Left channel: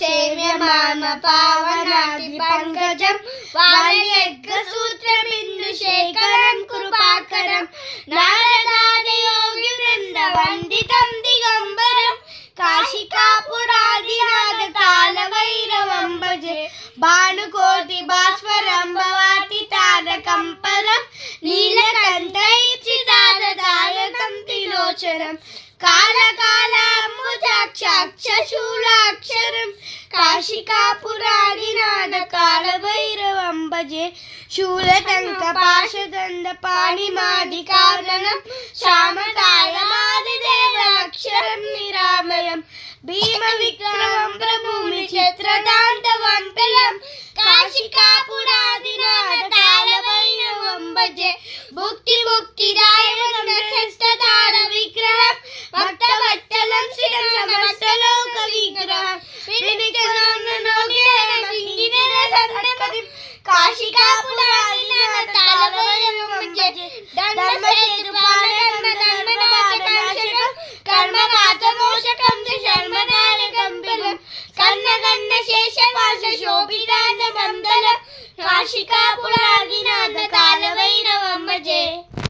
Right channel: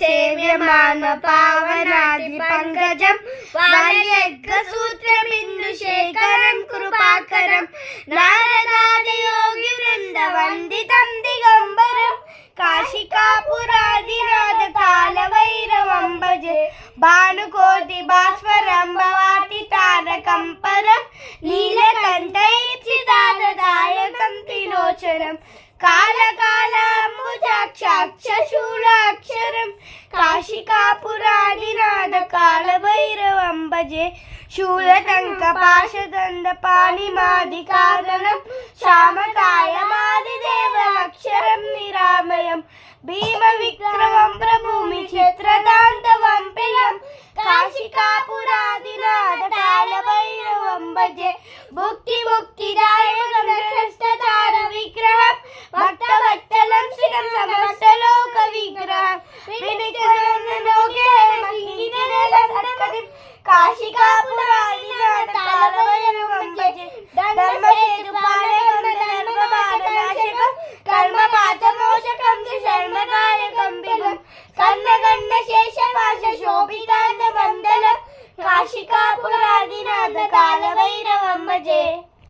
సేవ్యమాన పావనాది పంకజం వాల్యగ్రసూత్రబిందు శేఖరం కృపాకరం నారదాది యోగి వృంద వందితం దిగంబరం కాశికాపురాదినాథ కాలభైరవం భజే భానుకోటి భాస్వరం భవాతి తారకం పరం నీలకంఠైచిదారదాయకం త్రిలోచనం కాళకాలాంబుజాక్షాక్షశూలాక్షరం కాశికాపురాదినాథ కాలభైరవం భజే శూలటంక పాశదండ పాణిమాది కారణం శ్యామకాలమాదిదేవక్షరం నిరామయం భీమ విక్రమం ప్రభుమి చిత్రదాంతవంతలం కాశికాపురాదినాథ కాలభైరవం భజే భుక్తి ముక్తిదాయకం శ్రేష్ఠతార విగ్రహం భక్తవత్సలం శ్రీరం సమస్తలోక విగ్రహం కాశికాపురాదినాథ కాలభైరవం భజే ధర్మసేతుపాలకం ధర్మపాతనాశకం కర్మపాతమోచకం శర్మదాయకం బిలం కన్నగండ శేషపాశ శోభితాండ మందలం కాశికాపుర